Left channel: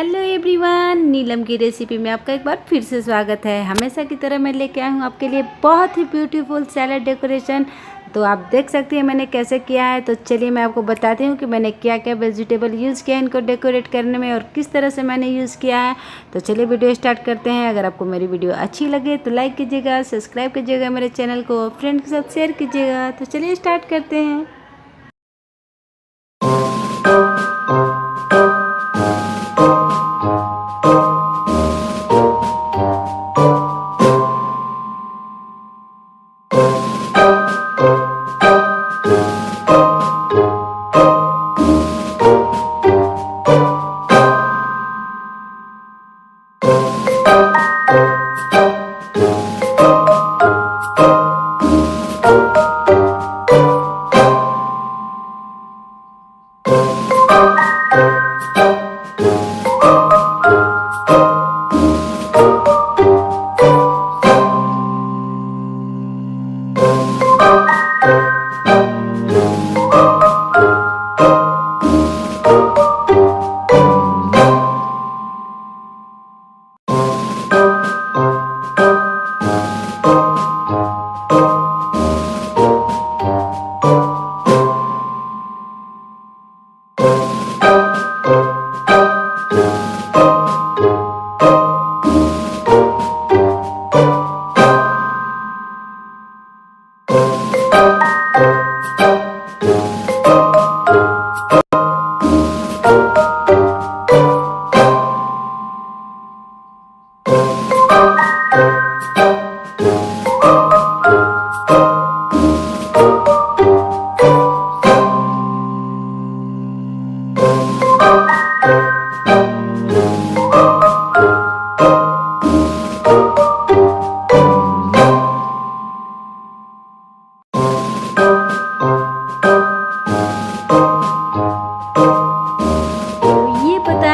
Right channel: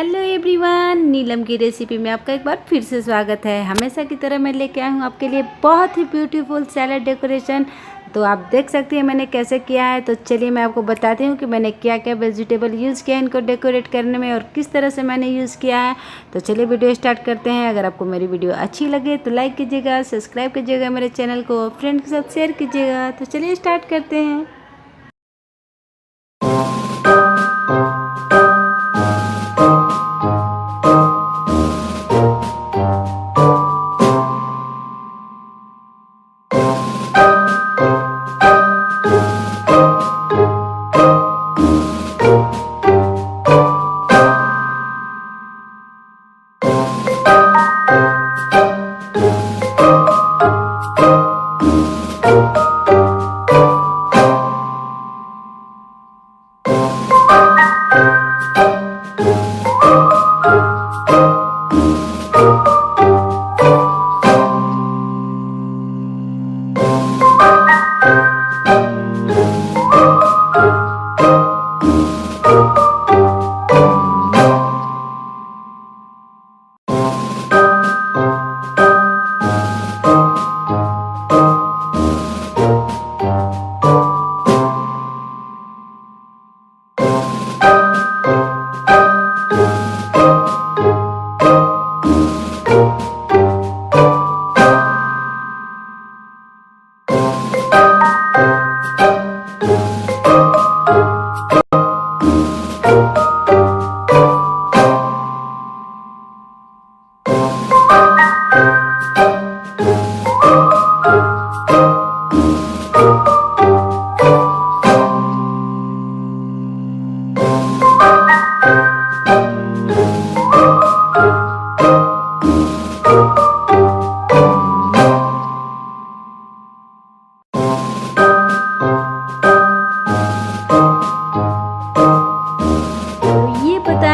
Hello everyone, नीलम की recipe में आपका एक बार फिर से स्वागत है। हमेशा की तरह मैं लेके आई हूँ आपके लिए बहुत ही ब्यूटीफुल सैलड डेकोरेशन। तो आप देख सकती हैं मैंने कैसे किया है। तो चलिए मैं आपको बताती हूँ कि मैंने क्या क्या वेजिटेबल यूज़ किया है इनको डेकोरेट करने में और किस तरह से मैंने यूज़ किया है। तो चलिए वीडियो स्टार्ट करते हैं। अगर आपको मेरी वीडियो अच्छी लगे तो लाइक कीजिएगा, सब्सक्राइब कीजिएगा मेरे चैनल को, फ्रेंड के साथ शेयर कीजिएगा। तो चलिए स्टार्ट करते हैं।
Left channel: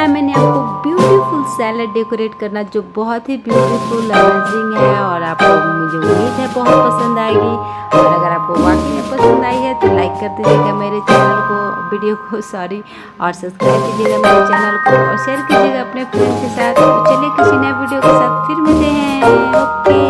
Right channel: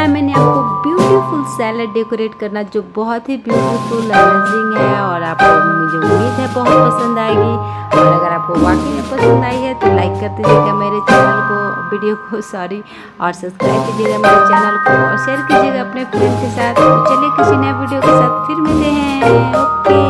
मैंने आपको ब्यूटीफुल सैलड डेकोरेट करना जो बहुत ही ब्यूटीफुल अमेजिंग है और आपको मुझे उम्मीद है बहुत पसंद आएगी। और अगर आपको वाकई में पसंद आई है तो लाइक कर दीजिएगा मेरे चैनल को, वीडियो को और सब्सक्राइब कीजिएगा मेरे चैनल को और शेयर कीजिएगा अपने फ्रेंड के साथ। तो चलिए किसी नए वीडियो के साथ फिर मिलते हैं। ओके।